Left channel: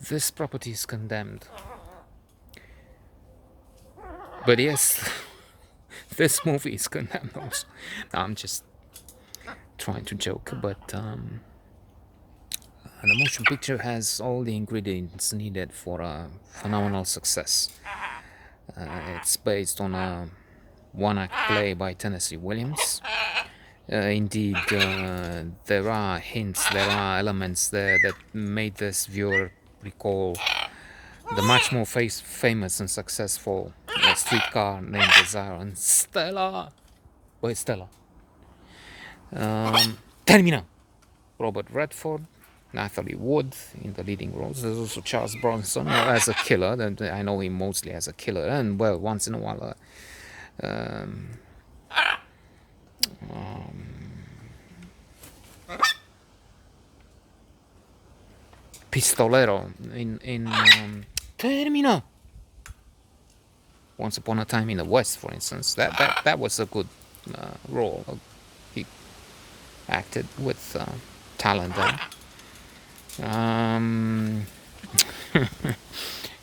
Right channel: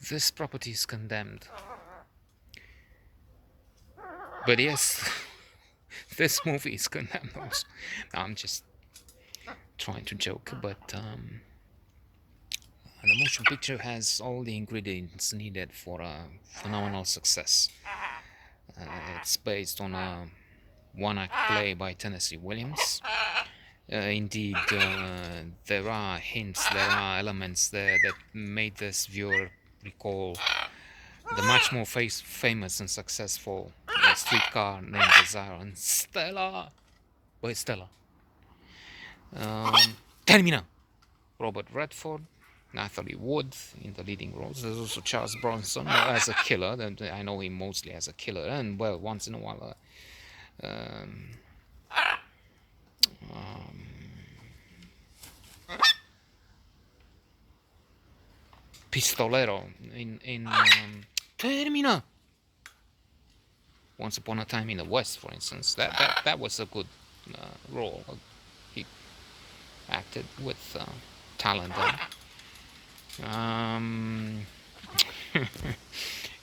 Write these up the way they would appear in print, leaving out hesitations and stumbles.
This property is condemned. But yes, this movie is condemned also. No, I'm just trying to joke, but the motion picture has all the ingredients needed for a phenomenal success. It's based on a one-act play by Tennessee Williams. Indeed, there are hints, there are elements there that made this viewer recall the much more famous and successful Streetcar Named Desire and Stella. Where's Stella? Termina. Robert Redford, Natalie Wood in the leading roles. There's also Charles Bronson as a killer. And I know him mostly as a killer, and well, once in a while, pistolero in Termina. Once Upon a Time in the West, for instance. That was a good role. He acted with talent there.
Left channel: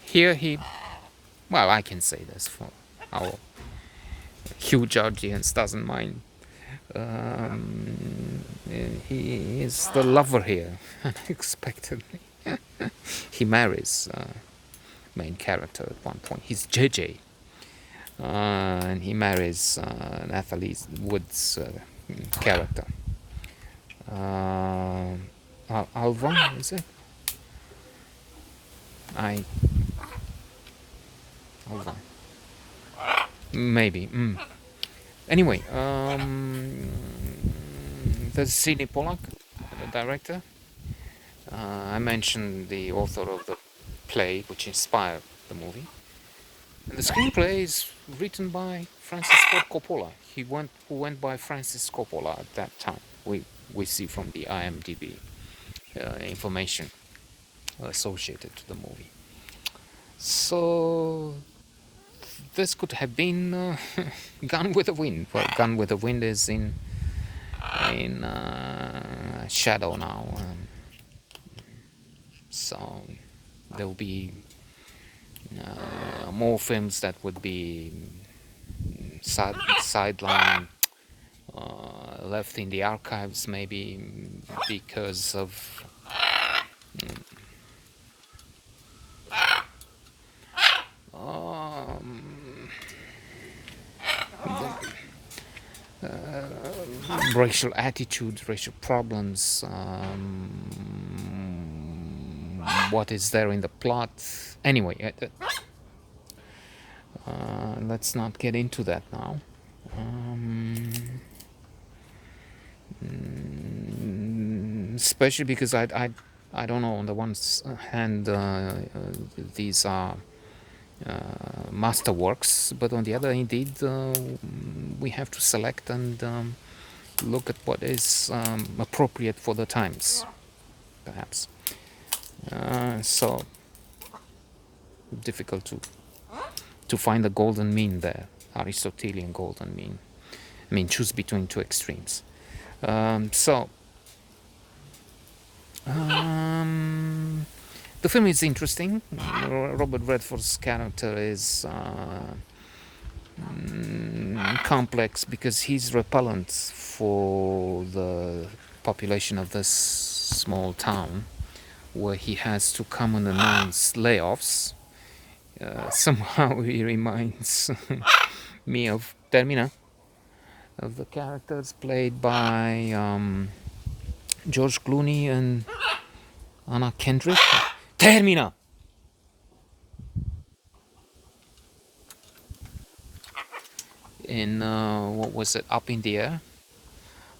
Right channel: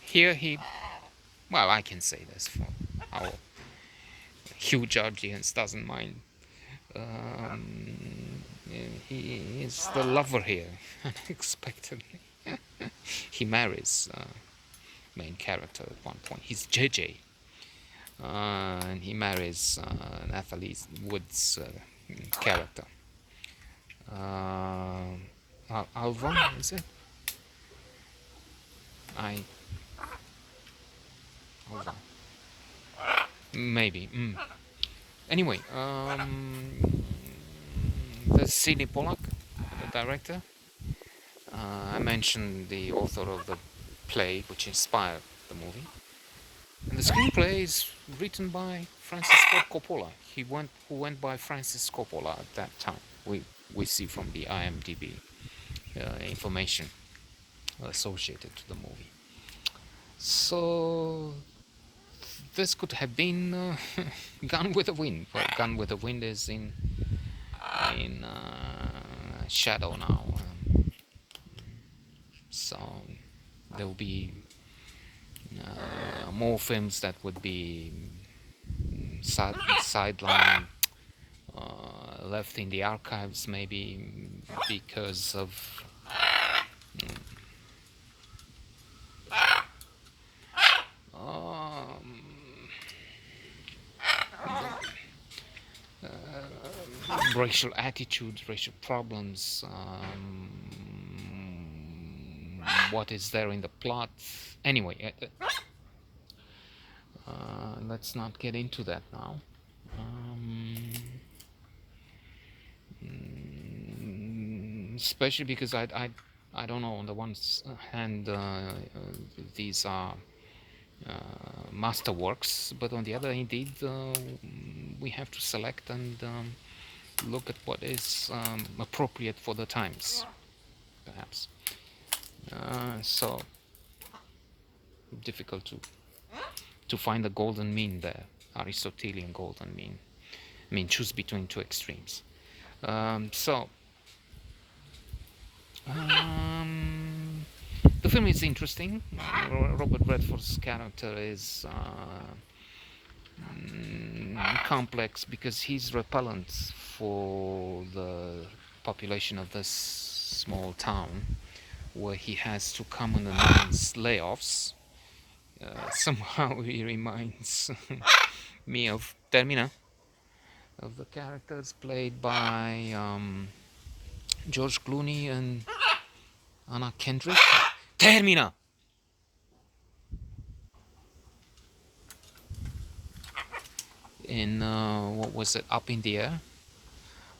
Here he, well, I can say this for our huge audience doesn't mind. He is the lover here, unexpectedly. He marries main character at one point. He's JJ, and he marries Natalie Wood's character. Alva, is it? Alva. Maybe. Anyway, there's Sidney Pollack, the director. I mentioned the author of the play which inspired the movie. And the screenplay is written by Francis Ford Coppola. Who went by Francis Coppola at that time. We see from the IMDb information associated to the movie. So this could have been Gone with the Wind. Well, Gone with the Wind is in shadow now, so there will be more films that would be sidelined, left in the archives, maybe because of racial attitudes, racial problems, what is there in the plot. Anyway, let's not get into that now. Especially because I don't know, on the one hand, these are masterworks, but on the other, indeed, we have to select and look at what is appropriate for the times, perhaps. So difficult to find the golden mean there, Aristotelian golden mean. I mean, choose between two extremes. The film is interesting. Robert Redford's character is complex because he's repellent for the population of this small town, where he has to come and announce layoffs. Somehow he reminds me of Termina, of the characters played by George Clooney and Anna Kendrick. Termina! In, what was it, Up in the Air,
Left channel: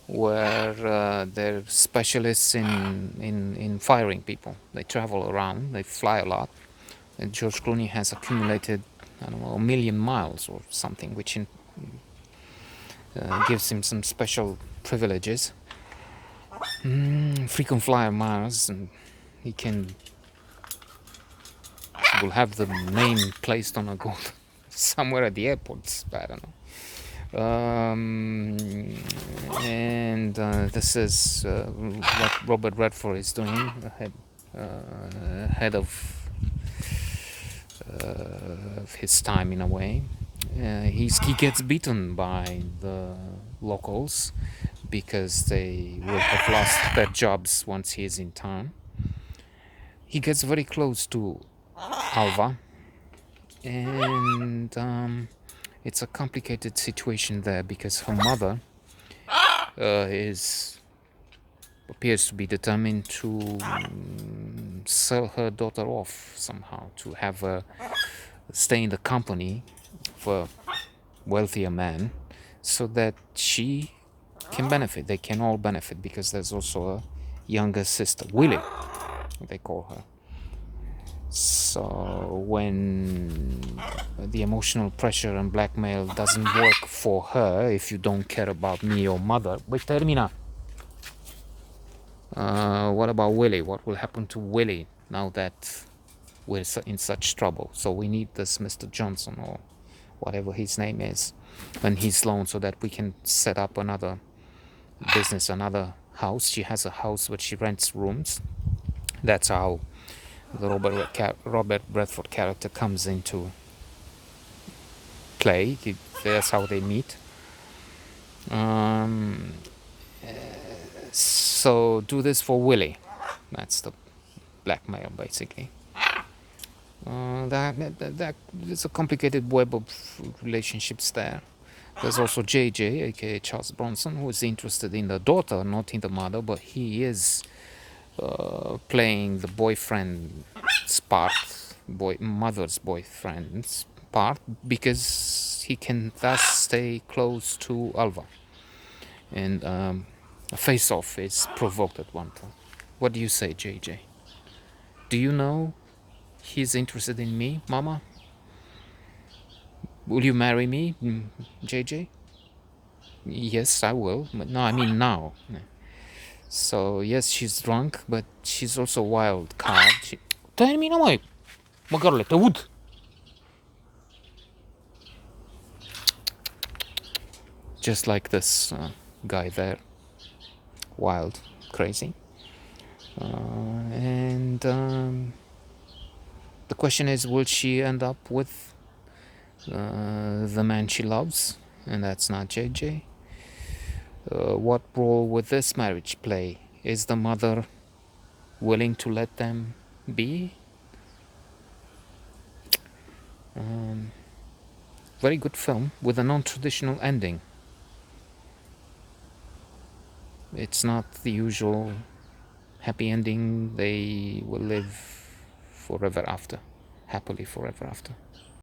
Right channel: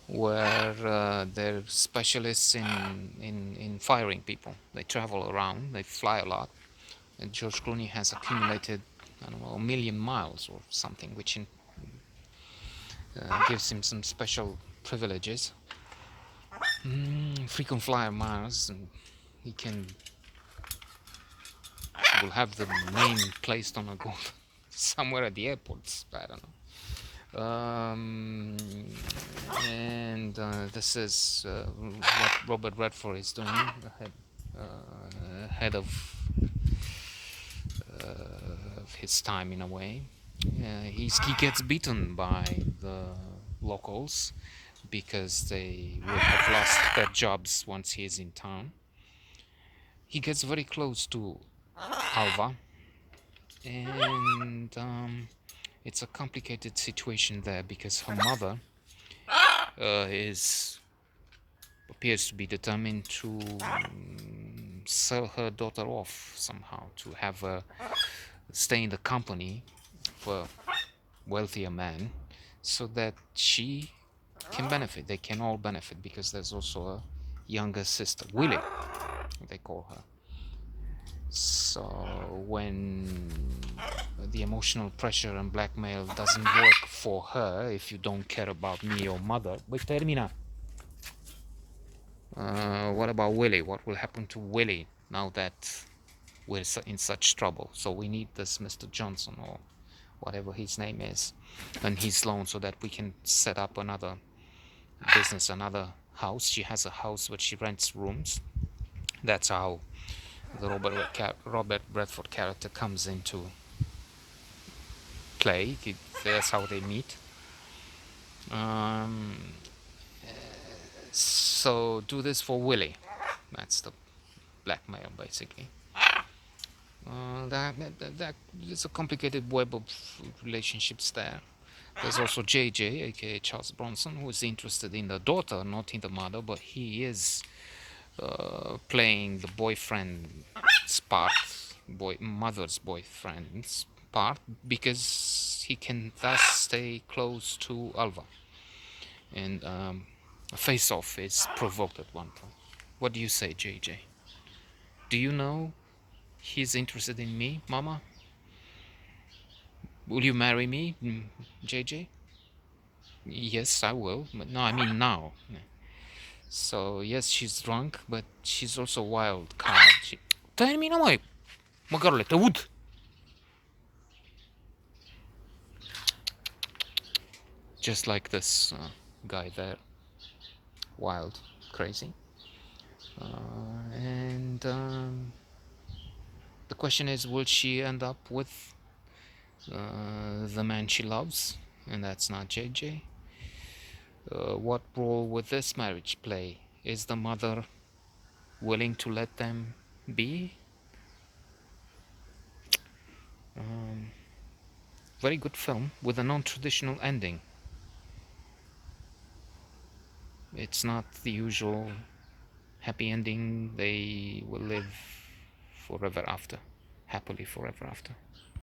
where they're specialists in firing people. They travel around, they fly a lot. And George Clooney has accumulated, I don't know, 1,000,000 miles or something, which gives him some special privileges. Frequent flyer miles, and he will have the name placed on a gold somewhere at the airports, I don't know. And this is what Robert Redford is doing. ahead of his time in a way. He gets beaten by the locals because they will have lost their jobs once he is in town. He gets very close to Alva, and it's a complicated situation there because her mother is appears to be determined to sell her daughter off somehow, to have her stay in the company of a wealthier man so that she can benefit. They can all benefit because there's also a younger sister, Willie, they call her. So when the emotional pressure and blackmail doesn't work for her, if you don't care about me or mother, wait, termina. What about Willie? What will happen to Willie now that we're in such trouble? So we need this Mr. Johnson or whatever his name is and his loan so that we can set up another business, another house. She has a house where she rents rooms. That's how the Robert Bradford character comes into play. That's how they meet. So do this for Willie. That's the blackmail, basically. There's a complicated web of relationships there. There's also JJ, aka Charles Bronson, who is interested in the daughter, not in the mother, but he is playing the boyfriend's part, mother's boyfriend's part, because he can thus stay close to Alva. And a face-off is provoked at one point. What do you say, JJ? Do you know he's interested in me, Mama? Will you marry me, JJ? Yes, I will. But no, I mean now. So yes, she's drunk, but she's also a wild card. Dai mi naman, magkaroon the wood. Just like this guy there, wild, crazy. And the question is, will she end up with the man she loves? And that's not JJ. What role will this marriage play? Is the mother willing to let them be? Very good film with a non-traditional ending. It's not the usual happy ending. They will live forever after, happily forever after.